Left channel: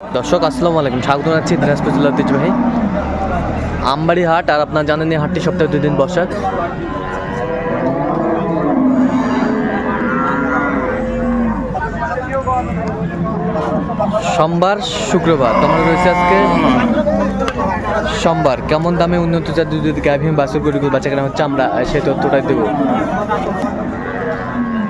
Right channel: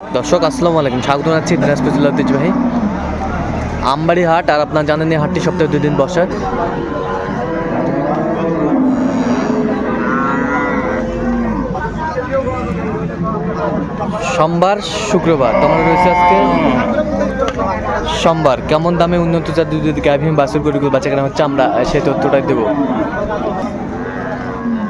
দর্শক, আসসালামু আলাইকুম। স্বাগত জানাচ্ছি দিনাজপুর জেলার ঐতিহ্যবাহী আমবাড়ি হাট আর আপনার জানেন এই হাটটি সপ্তাহে দুই দিন বসে। সোমবার, শুক্রবার তোমার রয়েছে আজকে সোমবার। কেমন দামে উন্নত জাতীয় যদি গাভীম বাসুর গরিগুলো বাচ্চা কেনা হচ্ছে আমরা সেই তথ্যটাই দেবো।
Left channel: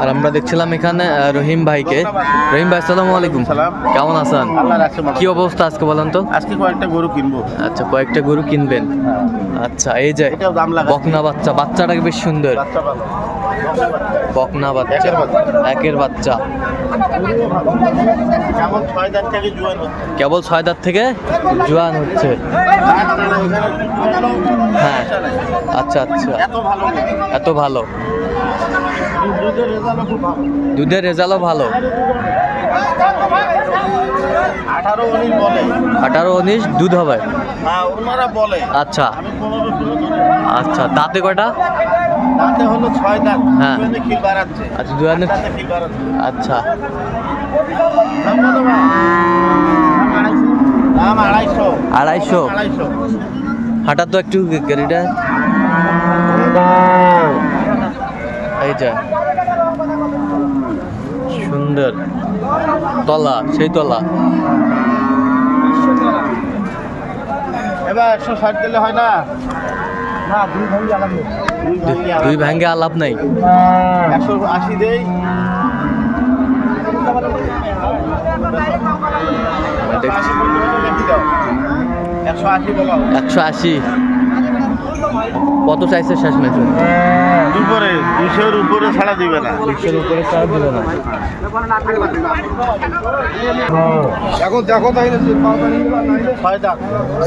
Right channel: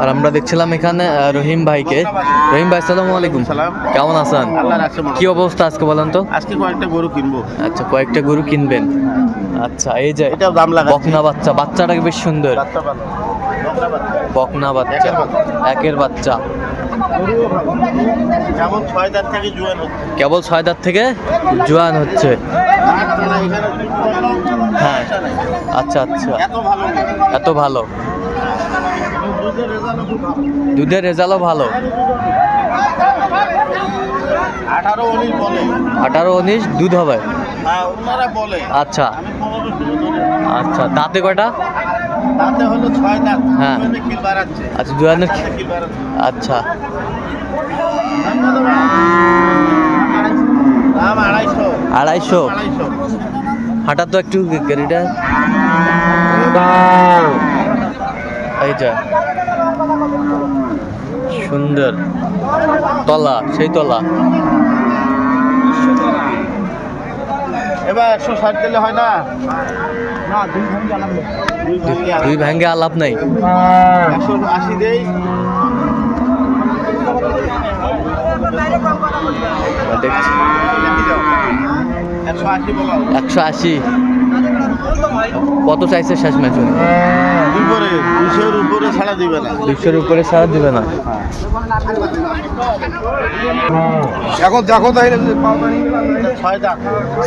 আর আমরা দেখছিলাম এখানে রহিম ভাইকে। রহিম ভাই আসসালামু আলাইকুম। সালাম। কেমন আছেন? কি অবস্থা আজকে বলেন তো? আজকে কয়েকটা গরু কিনবো। আচ্ছা কয়েকটা গরু কিনবেন। আচ্ছা এই যে বকনা বাচ্চা বাচ্চাটাকে বেশ সুন্দর। বাচ্চা ভালো। বকনা বাচ্চা একের বাচ্চা। কেবল ছয় দাঁত থেকে জোয়ান হচ্ছে। হ্যাঁ। আচ্ছা আচ্ছা। এত ভালো এত ভালো। দুধের রেজাল্টও ভালো। আঠারো উনিশ দুধ হবে? হ্যাঁ বলে। আচ্ছা। আচ্ছা দাঁতে কয়টা? দাঁতে ছয় দাঁত। হ্যাঁ। আচ্ছা দাঁতে আচ্ছা। আড়াইশো। হাঁটা তো একটু গাড়িটা এই যা। সুন্দর। তলা সেই তলা। এবার একশো ষাট দিলে হয় না? দুই ভাঙ্গি আলাপ নাই। একশো আশি দেই। দেখছি। একশো আশি কত চাইছে শেষ ম্যাচে দুপুরে দুশোর উপরে ছাড়া দিবে না। দুইশোর উপরে ছাড় দিবে না। এখন দেখো ছয় দাম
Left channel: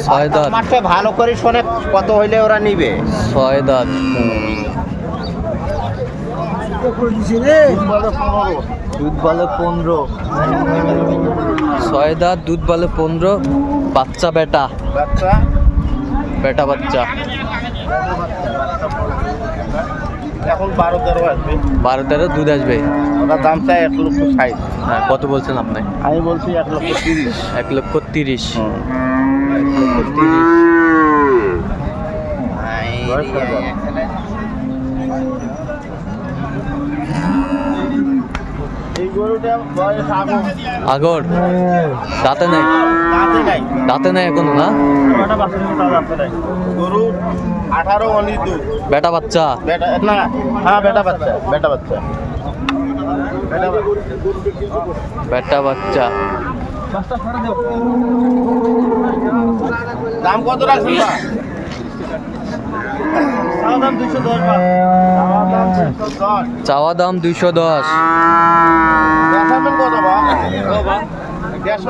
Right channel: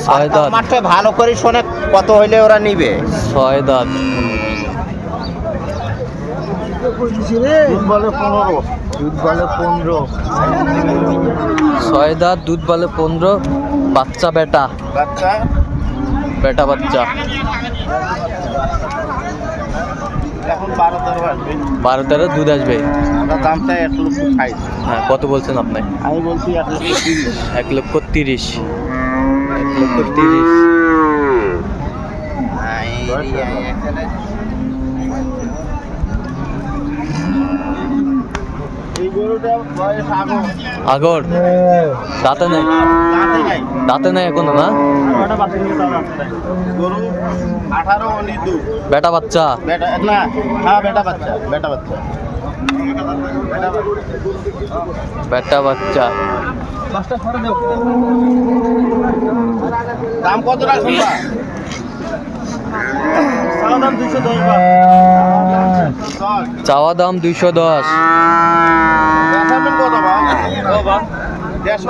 ছয় দাঁত। মাত্র ভালো করে শোনে কত হইলে ওরা নিবে। ছয় দাঁত। পনেরো। দুধ বলে পনেরো। ছয় দাঁত দুধ বলে পনেরো। বাচ্চা বেটা। বেটা বাচ্চা। এখন বারো তেরো আসবে। বারো তেরো দুধ আসবে? ওরা দাম চাই এক লক্ষ ষাট। হ্যাঁ কত বলছেন আপনি? আমি বলছি এক লক্ষ তিরিশ। এক লক্ষ তিরিশ। এক লক্ষ আগর। দাঁতে নেই? দাঁতে নাই। এখনও না। গরু আঠারো দুই। বেটা বাচ্চা। বেটা না হ্যাঁ বেটা বাচ্চা বেটা বাচ্চা। বেটা বাচ্চা। দাম কত রাখছেন চাওয়া দাম দুইশো দশ দেখাবেন কত বা? দেড়শো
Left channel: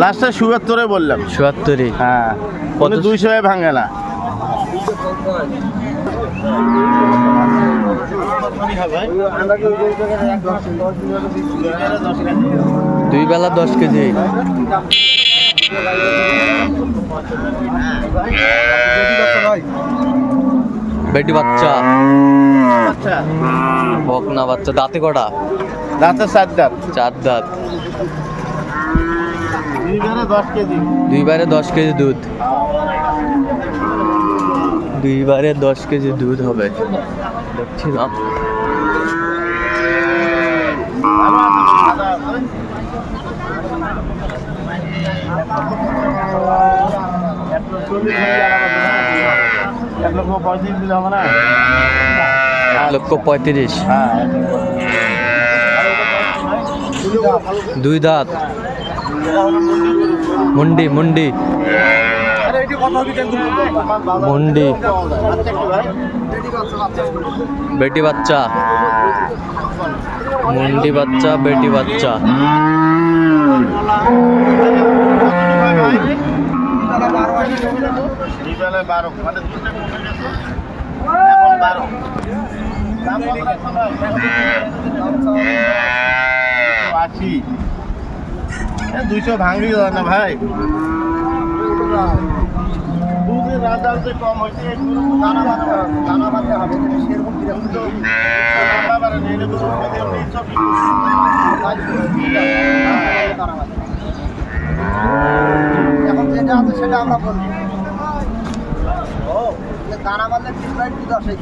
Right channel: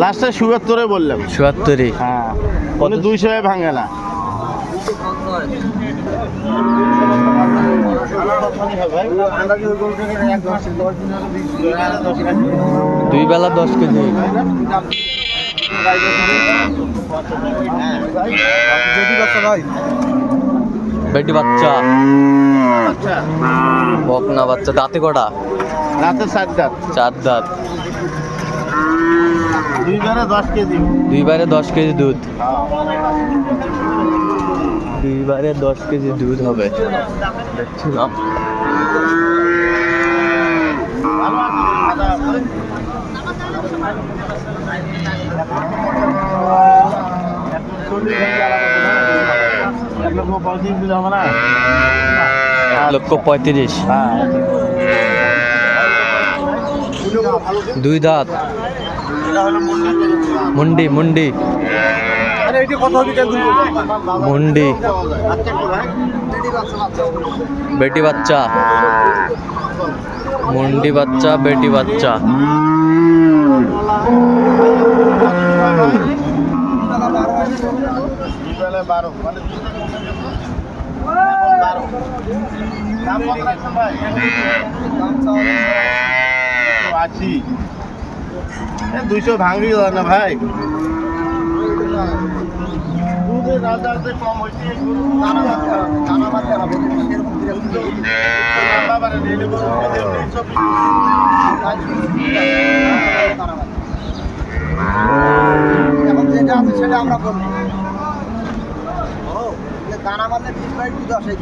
লাস্টে সুয়াত্তরে বললাম। চুয়াত্তরই হ্যাঁ? কত? দুইশো ভাঙে না। দুই বেলা দশ কেজি। বেটি বাচ্চা। বকনা বাচ্চা। দাঁতে কটা? রাতে চার দাঁত। চার দাঁত। দুইবারে দশ কেজি। দুধ। দুইবারে দশ কেজি দুধ হবে। দেখছিলাম। এক লক্ষ? এক পঁয়ত্রিশ দিলে হবে না? এক লক্ষ পঁয়ত্রিশ। হ্যাঁ দুই দাঁত। মুন্ডি মুন্ডি। মুন্ডি। বেটি বাচ্চা। মুন্ডি বাচ্চা বেটি বাচ্চা। মানে আশি দুইশো ভাঙবি না ভাই। দুধের যে কম হয়েছে দানা মারতে হবে, দানা মারতে হবে খেতে তিনশো এখন যেটা আছে সেটা আমরা বলব দানা মারলে তিন বাই দুধ আসে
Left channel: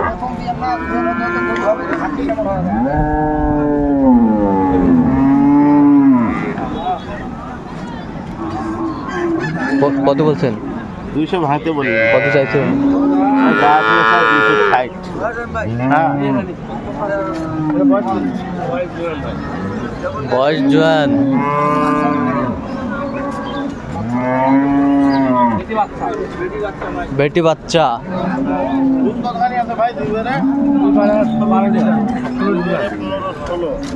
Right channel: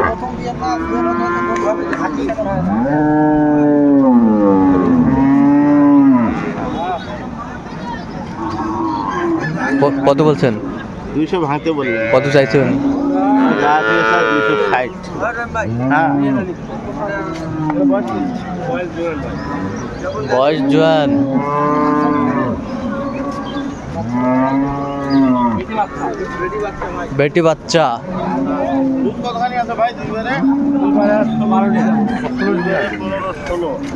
প্রথম দিয়ে না হবে হাতি হয় কত বলছেন? দুইশো ভাঙতে বললেন। কত চাইছেন? বয়স? জোয়ান। বেটি বাচ্চা। ভাই?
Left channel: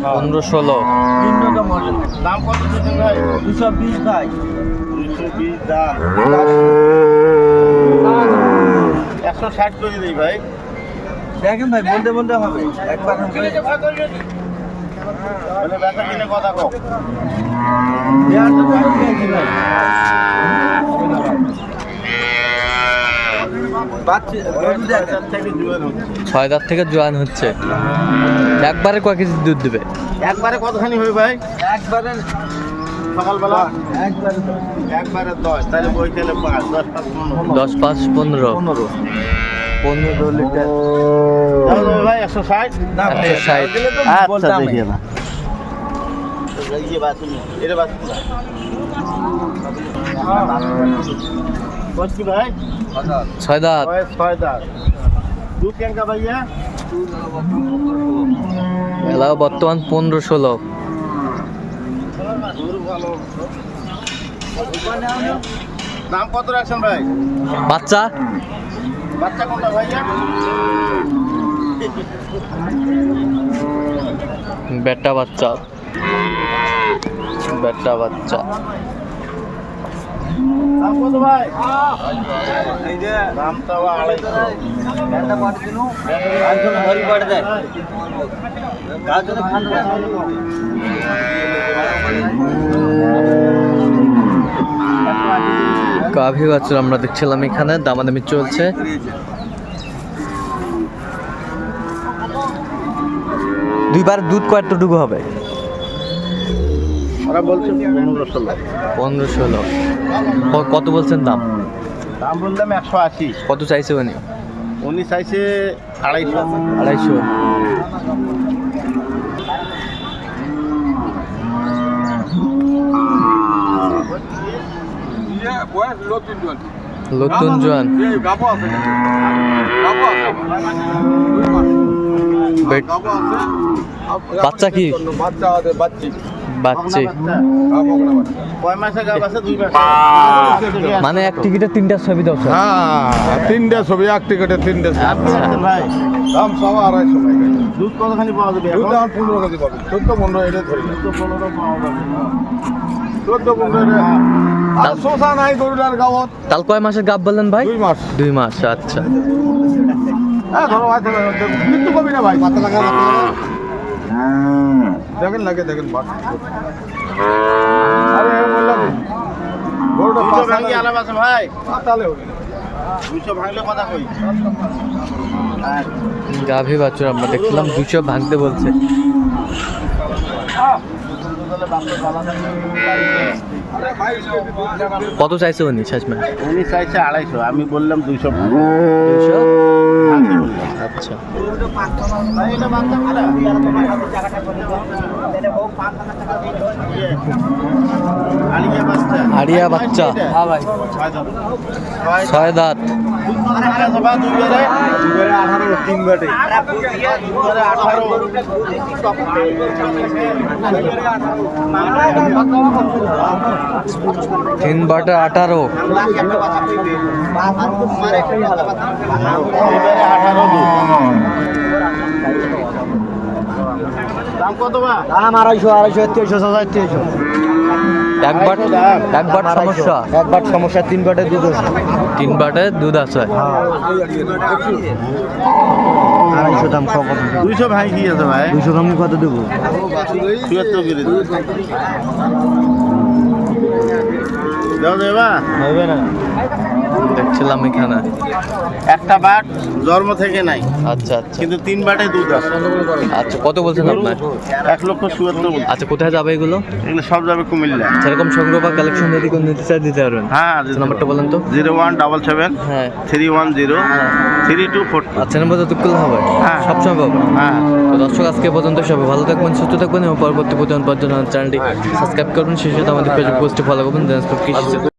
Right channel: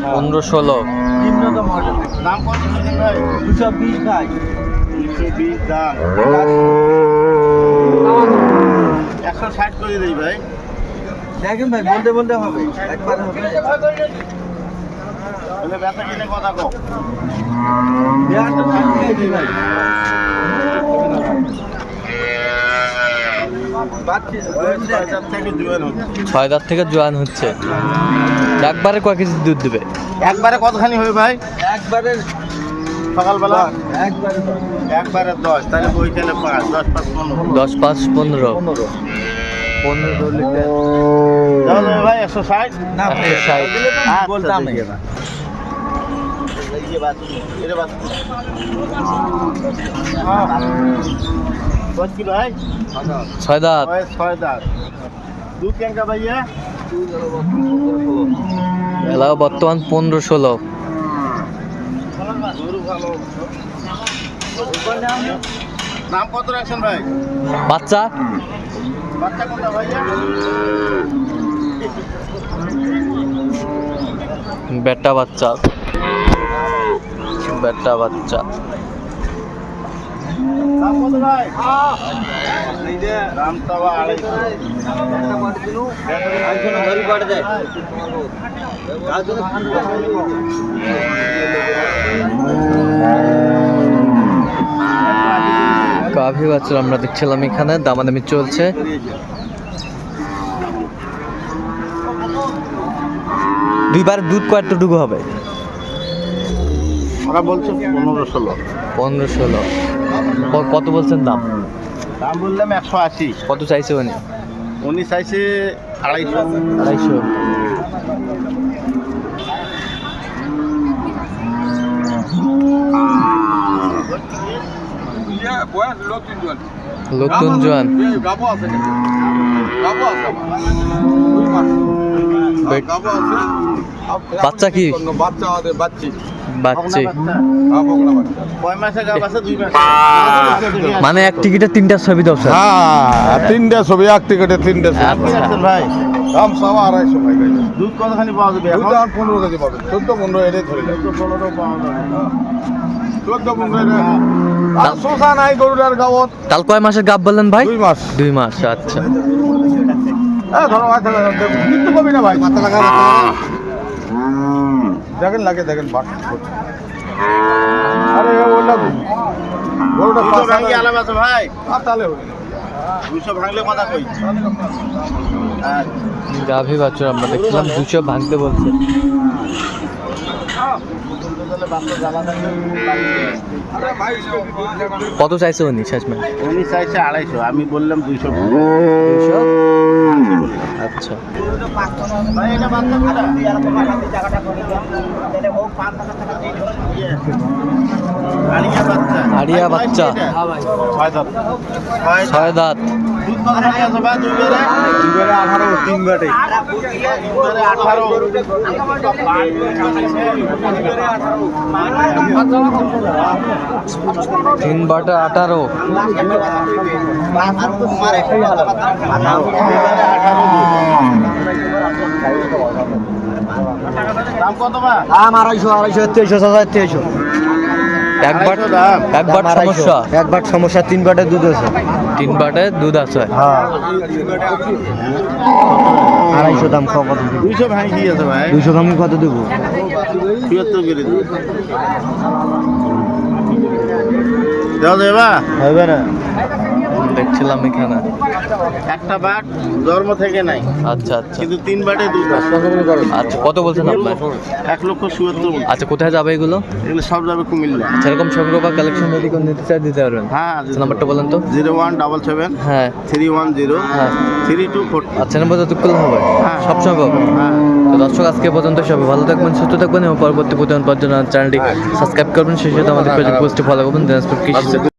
পনেরো ষোলো। দাম কত ভাই? দুশো বিশ ভাই। দুইশো বিশ দাম। একশো ষাট করে দিই ভাই। দেখেন ভাই বলতে বলতে হবে। একবার হবে। বলে ব্যথা কিনে কথা কো ভাই দিয়েছি ভাই বাচ্চা হাজার থেকে দুবেন হচ্ছে ছয় দাঁত থেকে জোয়ান হচ্ছে। একবারে কয় কেজি দুধ দেবে? একবারে কতখানি হবে ভাই? একবারে সকালবেলা একবারে একবারে দশ তাহলে ওইখানে পাঁচ দশ পাঁচ পনেরো। দশ পাঁচ পনেরো। পনেরো। পনেরো লিটার। ভাই একশো ষাট? একশো ষাট। আচ্ছা, বলতাম এটা বাছুর। বয়স ছয় দাঁত। ছয় দাঁত। দুধ ক্যাঙ্কা ভাইয়া? এলাও বর্তমান পনেরো ষোলো। দাম কত রাখছেন ভাই? বাচ্চা? বাচ্চা কোনটা ভাইয়া? বেটা বাচ্চা। বেটা বাচ্চা। গাভী বাচ্চা আমরা দেখছিলাম এখানে দামাদামি চলছে দুইবার দুধ কয়টুকু হবে ওরা বলছে পনেরো ষোলো। পনেরো ষোলো। কত বলছেন দাম? দাম বললাম একশো আশি। কত চাইছে উনি? উনি চাইছে আড়াইশো। আড়াইশো। নতুন জোয়ান। বাচ্চা কি? বাচ্চি। মাসে গাব আছে দুই মাসে মানে এক টিকিটে তিনটা ছবি দাও স্যার হ্যাঁ তিনটে ছবি এক টিকেটে তিনটা ছবি ভাই দাম সব আড়াইশো টাকা দুধ কতখানি পাওয়া যাবে দুধ আর পনেরো কেজি পাবে চোদ্দ পনেরো এটা ধরে চোদ্দ পনেরো পাওয়া যাবে চোদ্দ পনেরো এটা আর শোষা নাই গরুটার গাঁৱত তাল কয় মাসের গাব বললেন ভাই দুই মাস দুই মাস আচ্ছা ধরো ভাই, ধরো, ধরো, কিন্তু কবি না ভাই পাতা লাগা। দেখেন লাগে দেখেন বাট আরে আছে ভাই। আর তাহলে হবে না। দুশো ভাঙলে কথা কই? গাভী বাছুর আমরা দেখছিলাম দুশো ভাঙতে বলছে বাচ্চা। কত চাইছে উনি শেষমেশ উনি চাইছে আড়াইশো আমি বললাম দুইশো আচ্ছা বাচ্চা আড়িয়া বাচ্চা। ছয় দাঁত। দুই বেড়ে? আঠারো আঠারো তিন বাটা আঠারো দাম কত বা দাম আড়াইশো আড়াইশো তেইশো হাজার তেইশো এক বাট এক সমস্যা। একবার সমস্যা তিন বাটের দুধ আছে। তিন বাটে দুধ আছে। আড়াইশো দাম কত দুইশো ভাই কি আছে ভাই? দুইশো দাম কত দেবো? চুয়াত্তর দেখছিলাম এখানে। একটা বাট জন্ম থেকে নাই। আচ্ছা আচ্ছা। কিন্তু তিন বাটে দুধ আচ্ছা কত বলছেন আপনার এক লক্ষ চুয়াত্তর আচ্ছা কোথায় যাবে এগুলো? এগুলো সব যাবে কুমিল্লা সেরকম সংগ্রহ বা কালেকশন যদি কোনো নিতে চাই দিতে পারবেন। হ্যাঁ নাম্বারটা বলেন তো। জিরো ওয়ান ডাবল সেভেন হ্যাঁ। থ্রি ওয়ান জিরো হ্যাঁ। থ্রি টু ফোর আচ্ছা নাম্বার যত করলে হবে। হ্যাঁ। সবসময় পাবে হ্যাঁ। তো দর্শক আজকে পর্যন্ত সবাই ভালো থাকবেন সুস্থ থাকবেন এবং পরবর্তী প্রতিদিন জন্য চ্যানেলটি সাবস্ক্রাইব করবেন। সেই সাথে আমাদের ফেসবুক পোস্টে ফলো করবেন। দিনাজপুর কৃষি